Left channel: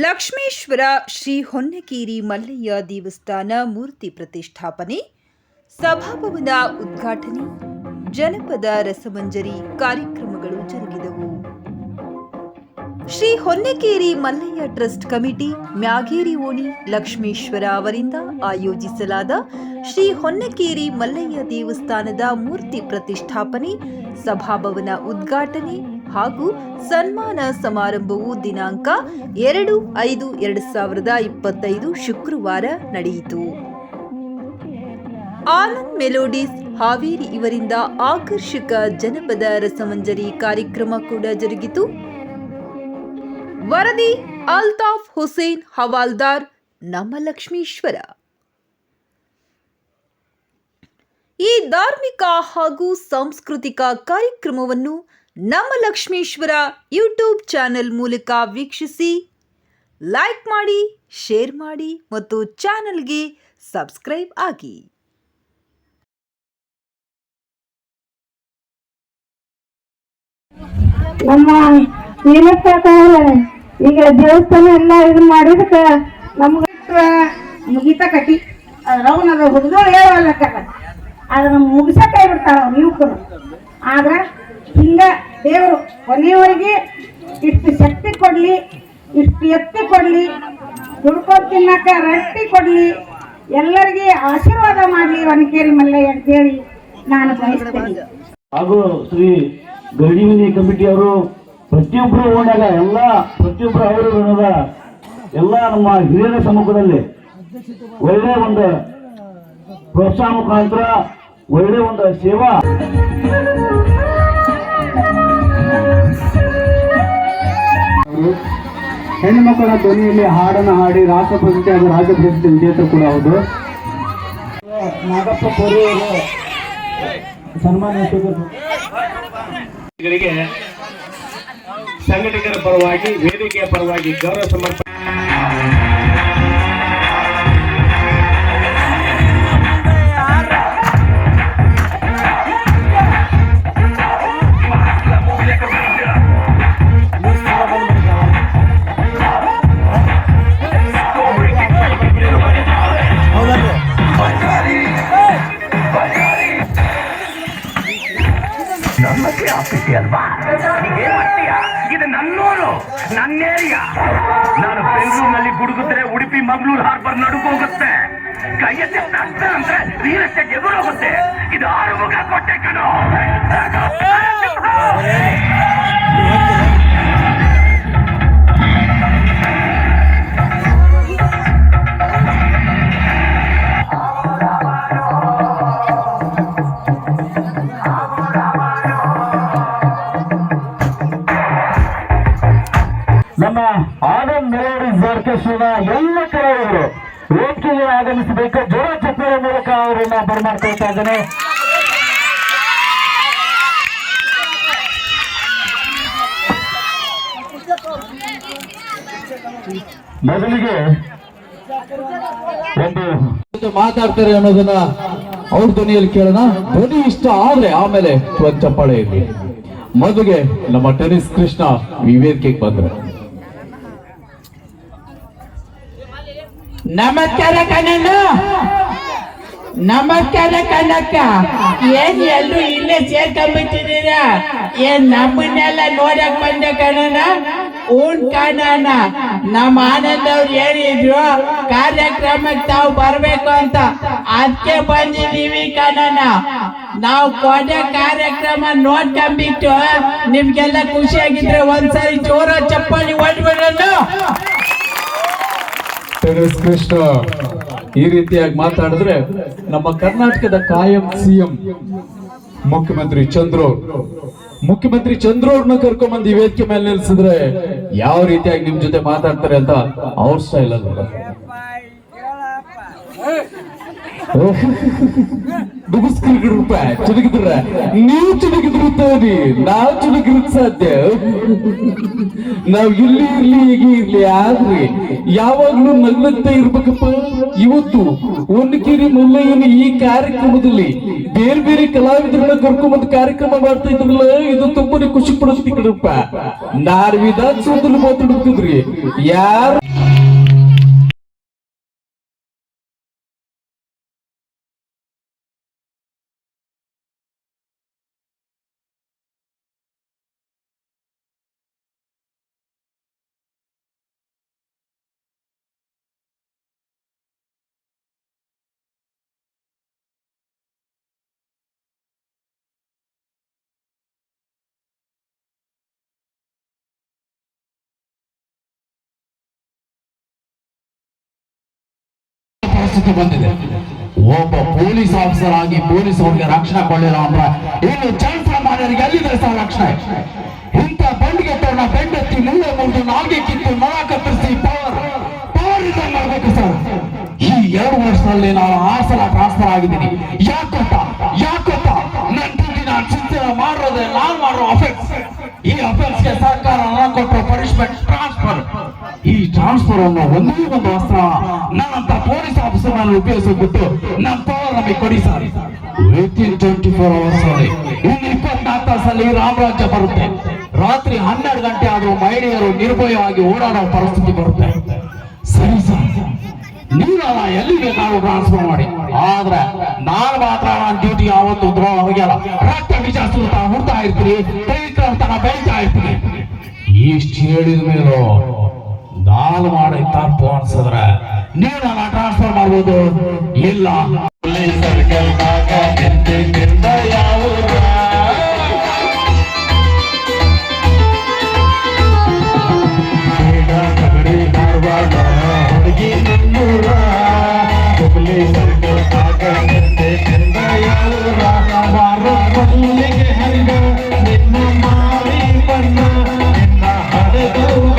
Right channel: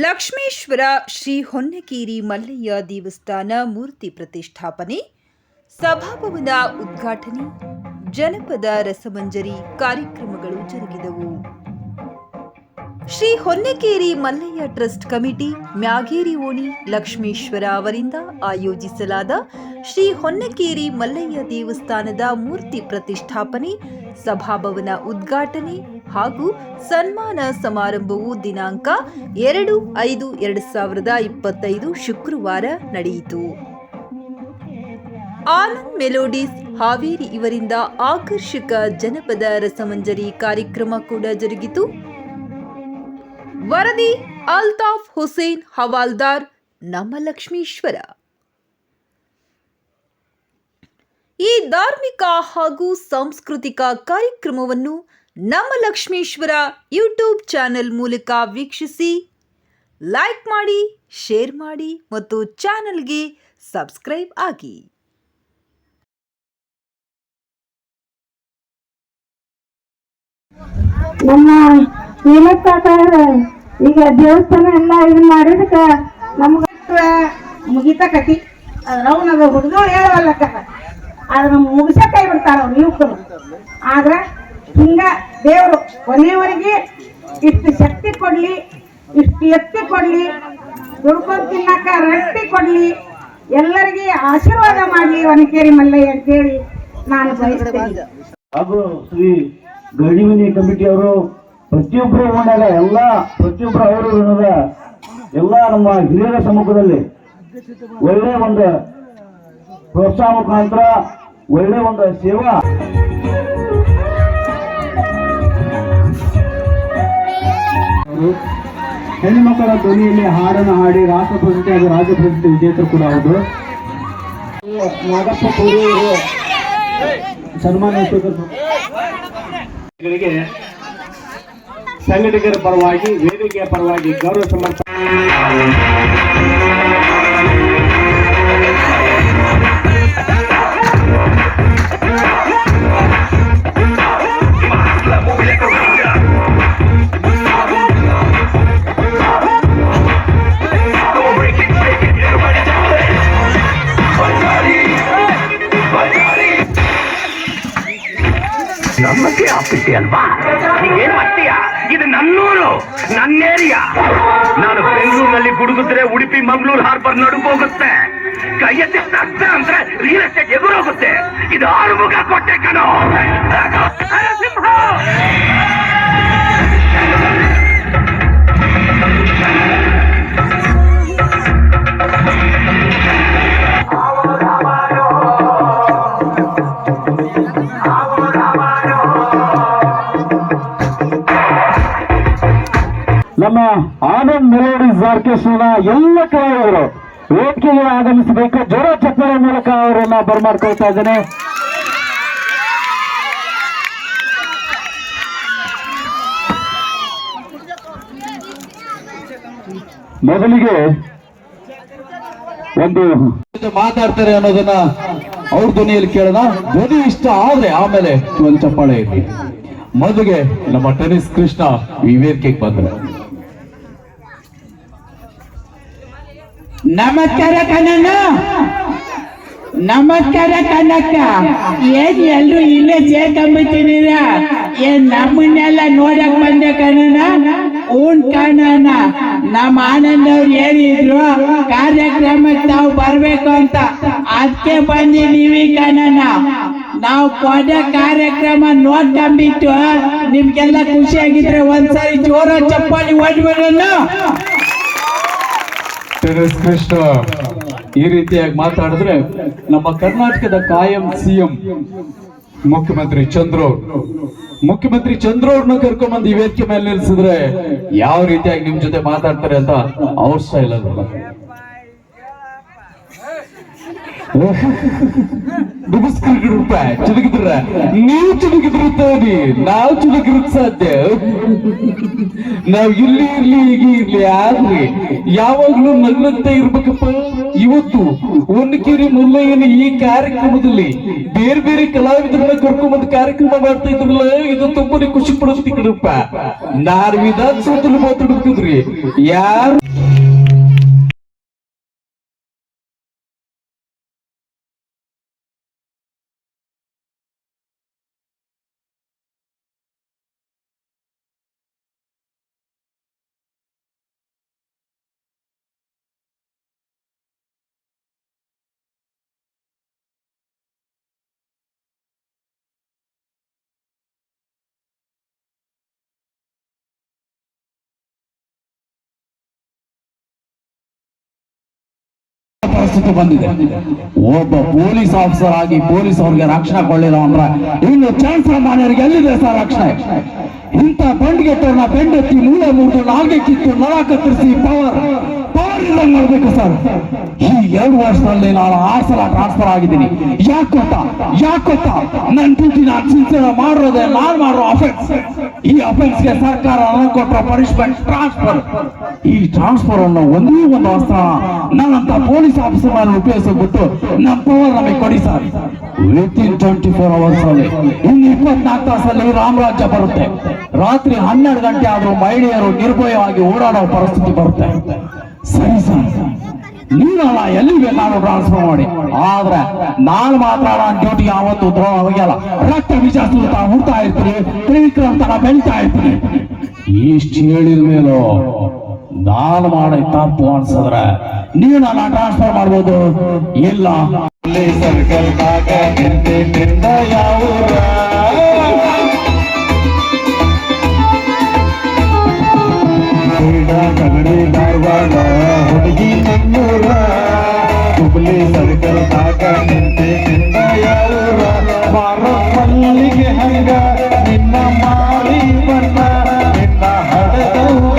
ಲಕ್ಷ್ಮೇಶ್ವರ ಶ್ರೀ ಹೊನ್ನಕೇರಿ ಮಲ್ಲಯ್ಯ ದೇವಸ್ಥಾನ ಮೂರ್ತಿ ಪ್ರತಿಷ್ಠಾಪನೆ, ಸಭಾಭವನ ಉದ್ಘಾಟನೆ, ಜನಪದ ರಸಮಂಜರಿ ಕಾರ್ಯಕ್ರಮಗಳು ಜರುಗಿದವು. ಶ್ರೀ ಹೊನ್ನಕೇರಿ ಮಲ್ಲಯ್ಯ ಟ್ರಸ್ಟ್ ಕಮಿಟಿ, ಮ್ಯಾಗೇರಿ ಓಣಿ ಲಕ್ಷ್ಮೇಶ್ವರ ಅವರಿಂದ ಆಯೋಜಿಸಲಾದ ಶ್ರೀ ಹೊನ್ನಕೇರಿ ಮಲ್ಲಯ್ಯ ದೇವಸ್ಥಾನದ ಮೂರ್ತಿ ಪ್ರತಿಷ್ಠಾಪನೆ ಸಭಾಭವನ ಉದ್ಘಾಟನೆ ಹಾಗೂ ಸನ್ಮಾನ ಸಮಾರಂಭವು ದಿನಾಂಕ ಎರಡು ಐದು ಎರಡು ಸಾವಿರದ ಇಪ್ಪತ್ತೈದು ಶುಕ್ರವಾರ ನಡೆಯಿತು. ಆನಂದ್ ಮೆಲೋಡಿಸ್ ಹಾವೇರಿ ಇವರಿಂದ ಆಕರ್ಷಕ ಜನಪದ ರಸಮಂಜರಿ ಕಾರ್ಯಕ್ರಮ ಕೂಡ ಜರುಗಿತು. ವರದಿ ಅಲ್ತಾಫ್ ಹುಸೇನ್ ಹವಾಲ್ದಾರ್ ನಮ್ಮ ಲಕ್ಷ್ಮೀಶ್ವರ ಈ ಧಾರ್ಮಿಕ ಹಾಗೂ ಸಾಂಸ್ಕೃತಿಕ ಕಾರ್ಯಕ್ರಮವನ್ನು ನಮ್ಮ ಲಕ್ಷ್ಮೀಶ್ವರ ಯೂಟ್ಯೂಬ್ ಚಾನೆಲ್ ಮೂಲಕ ವೀಕ್ಷಿಸಿ ಲೈಕ್ ಮಾಡಿ ಶೇರ್ ಮಾಡಿ ಮತ್ತು ಚಾನೆಲ್ಗೆ ಸಬ್ಸ್ಕ್ರೈಬ್ ಆಗಿ. ನಮ್ಮ ಈಗ ದೇವಸ್ಥಾನ ಎಲ್ಲ ಇದು ಮಾಡಿದಕ್ಕ ನಮ್ಗ ಮುಗಿತ ಕಟಿ ಅದ ಹುಡುಗರು ಹೇಳವಲ್ಲಕ್ಕದ ಅದನ್ನ ಮುಗಿಸಕ್ಕೆ ಬಿಡ್ತಾರ ಅವ್ರು ಯುವಕರು ಆದ್ರೆ ಹಿಂಗ ದೇವರು ಕೊನೆಯವರೆಗೆ ಇಷ್ಟು ಶಕ್ತಿ ಕೊಡ್ಲಿ, ಇಷ್ಟು ಎತ್ತಿ ಕೊಡ್ಲಿ ದುಡ್ಕೊಂಡು ತಿನ್ನಕ ರಟ್ಟಿ ಕೊಡ್ಲಿ, ಎಲ್ಲರಿಗೆ ಆಶೀರ್ವಾದ ಮಾಡಲಿ ವನಕೇರಿ ಮಲ್ಲಯ್ಯ ಅಂತೇಳಿ ನಾನು ಬಯಸ್ತೇನೆ. ಹಾಗೂ ಶ್ರೀ ಗಡಿಮಿನಿ ಕಮಿಟಿ ಅವರು ಪ್ರತಿಯೊಬ್ಬರು ಓಣಾಗ ಎಲ್ಲ ಪ್ರತಿಯೊಬ್ಬರು ಅವರು ಋಣದ ಎಲ್ಲ ನಮ್ಮ ಹಿರಿಯರ ಸಮ್ಮುಖದಲ್ಲಿ ಒಳ್ಳೆಯ ಒಂದು ಪ್ರೋತ್ಸಾಹ ಮುಖಾಂತರ ಒಳ್ಳೆ ಒಂದು ಸೇವಾ ಹೆಣ್ಮಕ್ಕಳ ಧ್ವನಿಯಲ್ಲಿ ಹಾಡನ್ನು ಹಾಡಿ ರಾಷ್ಟ್ರ ಪ್ರಶಸ್ತಿ ಹಾಗೂ ರಾಜ್ಯ ಪ್ರಶಸ್ತಿ ವಿಜೇತರು ಕೂಡ ಹೌದು. ನಾಗಪ್ಪ ಸನ್ಮಾನ ಸಂಘಟಕರ ಪರವಾಗಿ ವೇದಿಕೆಯ ಪರವಾಗಿ ಗೌರವ ಸಮರ್ಪಣೆ ನಮಗೆ ಆಗ್ತೈತಿ ಅಲ್ವಾ? ನೀವೇನ್ ಮಾಡ್ತೀಯ? ಇದು ನನ್ನೂರು ನನ್ನ ಏರಿಯಾ. ನಾನು ಬೆಂಗಳೂರಿನಲ್ಲಿ ಗುಡುಗಿದ್ರೆ ಉಡುಪಿ, ಮಂಗಳೂರು ಹಾರ್ಬರ್ ನಡುಕು ಹೋಗುತ್ತೆ. ಕೈ ಎತ್ತಿ ಅಂದ್ರೆ ರಿಯಲ್ ಎಸ್ಟೇಟ್ ಎದುರೋಗುತ್ತೆ ಇದು ಆಳುಮುಗ ಕೊಟ್ಟೆ ಕಣೋ. ಮೆಲೋಡಿಸ್ ಆರ್ಕೆಸ್ಟ್ರಾದ ಎಲ್ಲ ಕಲಾವಿದರು ವೇದಿಕೆಗೆ ಆಗಮಿಸಬೇಕು. ಜೋರ ಚಪ್ಪಲ ಮೂಲಕ ಅವರನ್ನ ಬರಮಾಡ್ಕೊಳ್ತಾ ಇದ್ದೇನೆ. ಮೊದಲಿಗೆ ಒಂದು ಮಾತಾಡ್ತಾರೆ ಅನ್ನೋದನ್ನ ಅವ್ರ ಧ್ವನಿಯಲ್ಲಿ ಕೇಳೋಣ. ಧ್ವನಿ ಇಷ್ಟ ಆದ್ರೆ ಆಮೇಲೆ ಚಪ್ಪಾಳೆ ಇರಲಿ. ಮದುವೆ ನಮ್ಮ ಟೆನಿಸ್ ಕೃಷ್ಣ ಈ ವೇದಿಕೆಗೆ ಬಂದ್ರು. ನಮಸ್ಕಾರ ಕಣ್ಣಣ್ಣ ನಮಸ್ಕಾರ ಕನಕ ಏನ್ ಎಲ್ರು ಇಲ್ಲೇ ಸೇರ್ಕೊಂಡ್ಬಿಟ್ಟಿದ್ದೀರ? ಏನ್ ನಮ್ಮನ್ನೆಲ್ಲ ನೋಡಕ್ ಬಂದೆ ಕಣನ ಊನ್ ಕಣ್ಣಣ್ಣ ನಮ್ಮ ಆನಂದ್ ಅವ್ರು ಹೇಳಿದ್ರು, ಕಾರ್ಯಕ್ರಮಕ್ಕೆ ನಾವು ಬರ್ಬೇಕು ಅಂತ. ಅದಕ್ಕೆ ಬಂದಿದೀವಿ ಕಣನ ನಾವು ಕೊಡೆ ಕಾರ್ಯಕ್ರಮ ನೋಡ್ಕೊಂಬಿಟ್ಟು ನಿಮ್ಗೆಲ್ಲ ಖುಷಿಯಾಗಿದ್ರೆ ಒಂದ್ಸರಿ ಜೋರ ಚಪ್ಪಾಳಿ ಹೊಡ್ಬಿಡೋಣ. ಟೆನಿಸ್ ಕೃಷ್ಣ. ಈ ರೀತಿಯಾಗಿ ಮಾತಾಡಿದ್ರೆ ನಮ್ಮ ಕರ್ನಾಟಕದ ಕಾಯಂ ಸಿಎಂ ಮುಖ್ಯಮಂತ್ರಿ ಚಂದ್ರು ಮುಖ್ಯಮಂತ್ರಿ ಚಂದ್ರು ಅವ್ರನ್ನ ಕರ್ಕೊಂಡ್ಬಂದು ಈ ವೇದಿಕೆ ಮೇಲೆ ನಿಲ್ಸಿದ್ರೆ ಯಾವ ರೀತಿಯಾಗಿ ನಿಮ್ ಜೊತೆ ಮಾತಾಡ್ತಾರೆ ಅಂತ ಅವ್ರ ಇಲ್ಲ ಡುಗುಸ್ಕರ್ಗಿರುತ್ತ ಚುರುಗಿದ್ರ ನೀವು ಚುರುಗಿದ್ರು ನಾವು ಚುರುಗಿರೋದ್ ಸಾಧ್ಯ. ನಾವ್ ಇಲ್ಲಿ ಇರ್ಲಿ, ಹೀಗೆ ಇರ್ಲಿ, ಯಾರ್ರಿ? ಯಾವಾಗ್ಲೂ ನನ್ನತ್ತೆ ಇರ್ಬೇಕಪ್ಪ. ಇವತ್ತು ಒನ್ನಕಿರಿ ಮೊದಲಯ್ಯನ ಈ ಕಾರ್ಯಕ್ರಮದಲ್ಲಿ ಬೇರೆ ಬೇರೆ ಕಲಾವಿದರನ್ನ ಕರ್ಕೊಂಡ್ಬಂದು ಕಾರ್ಯಕ್ರಮ ಮಾಡ್ತಾ ಇದ್ರಲ್ಲ, ಇದು ತುಂಬಾನೇ ಖುಷಿ ಪಡೋದು ಕಡಪ್ಪ ನಾರ್ ವಿಧಾನಸೌಧದಲ್ಲಿ ಮಾತಾಡ್ಬೇಕಂದ್ರಿ ಯಾರು ಪರಿಸ್ಥಿತಿ ಬಂದಿದೆ. ಒಬ್ಬ ಪೊಲೀಸ್ ಆಫೀಸರ್ ಆಗಿ ಪೊಲೀಸ್ ಅವ್ರಿಗೆ ರಕ್ಷಣೆ ಕೊಡಲಿಲ್ಲ ಅಂದ್ರೆ ಇನ್ನು ಮಾನ್ಯರಿಗೆ ಎಲ್ಲಿದೆ ಸರ್ ರಕ್ಷಣೆ? ಇಂಥ ಬಂಡ್ಗೆಟ್ಟವ್ರನ್ನ ಬೆಂಡೆತ್ತಿ ಮೂಳೆ ಮುಟ್ಟು ನಾಗೆ ಕಿತ್ತು ನಳ ಕತ್ತರಿಸಿ ಪವರ್ ಪವರ್ ಇಲ್ಲ ಮಾಡ್ಬೇಕು ಸರ್ ಈ ಎರಡು ವರ್ಷದಲ್ಲಿ ನಾನು ಆರು ಸಲ ಟ್ರಾನ್ಸ್ಫರ್ ಆಗಿದ್ದೀನಿ. ಯಾಕೆ ಗೊತ್ತಾ? ಯಾಕೆ ಗೊತ್ತಾ? ನನ್ನ ಡ್ಯೂಟಿ ನಾನು ಸಿನ್ಸಿಯರ್ ಮಾಡಿರೋದೇ ನಾನು ಮಾಡೋ ಅಫೆನ್ಸ್ ಈ ಅಫೆನ್ಸ್ಗೆ ಸರ್ಕಾರ ಕೊಟ್ಟ ಪನಿಷ್ಮೆಂಟ್ ಟ್ರಾನ್ಸ್ಫರ್ ಈ ಟ್ರಾನ್ಸ್ಫರ್ ಅನ್ನೋ ಒಂದೇ ಒಂದು ಅಸ್ತ್ರ ನನ್ನಂತ ಪೊಲೀಸ್ ಆಫೀಸರ್ ನಾನು ಉಪಯೋಗಿಸ್ಬಿಟ್ಟು ನಮ್ಮ ಪವರ್ ನಮಗೆ ಕೊಡಿ sir. Within twenty four hours ಅಲ್ಲಿ. ಇನ್ನು ಇಪ್ಪತ್ನಾಲ್ಕು ತಾಸಲ್ಲಿ ರಾಮರಾಜ್ಯ ಬರುತ್ತೆ. ರಾತ್ರಿ ಹನ್ನೆರಡು ಗಂಟೆ ಆದರೂ ಮಹಿಳೆಯರು ನಿರ್ಭಯವಾಗಿ ಓಡಾಡೋ ಪರಿಸ್ಥಿತಿ ಬರುತ್ತೆ. ಸರಿ ಸರ್. ನೀವಲ್ಲ ಎಲ್ಲಿಗೆ ನಾವು ಟ್ರಾನ್ಸ್ಫರ್ ಮಾಡಿ? ಆದ್ರೆ ನಾನು ಮಾತ್ರ ನನ್ನ ಡ್ಯೂಟಿ ಯಾವತ್ತು ದ್ರೋಹ ಹೋಗ್ಯಲ್ಲ. ರಕ್ತ ಬೀಜ ಸುಲ್ತಾ ಹುಡ್ತಾ ಇರ್ತೀನಿ. ತ್ರಿವಿಕ್ರಮ್ ತರ ಬೆಳಿತಾ ಇರ್ತೀನಿ. ಇಷ್ಟು ಹೇಳಿದ ಮೇಲೂ ನಾನು ಮಾಡಿ ತಪ್ಪು ಅನ್ಸಿದ್ರೆ ನೀವು ನನ್ನ ಟ್ರಾನ್ಸ್ಫರ್ ಮಾಡ್ಬೋದು. ಇಲ್ಲ. ಸರ್ಕಾರ ಯಾವ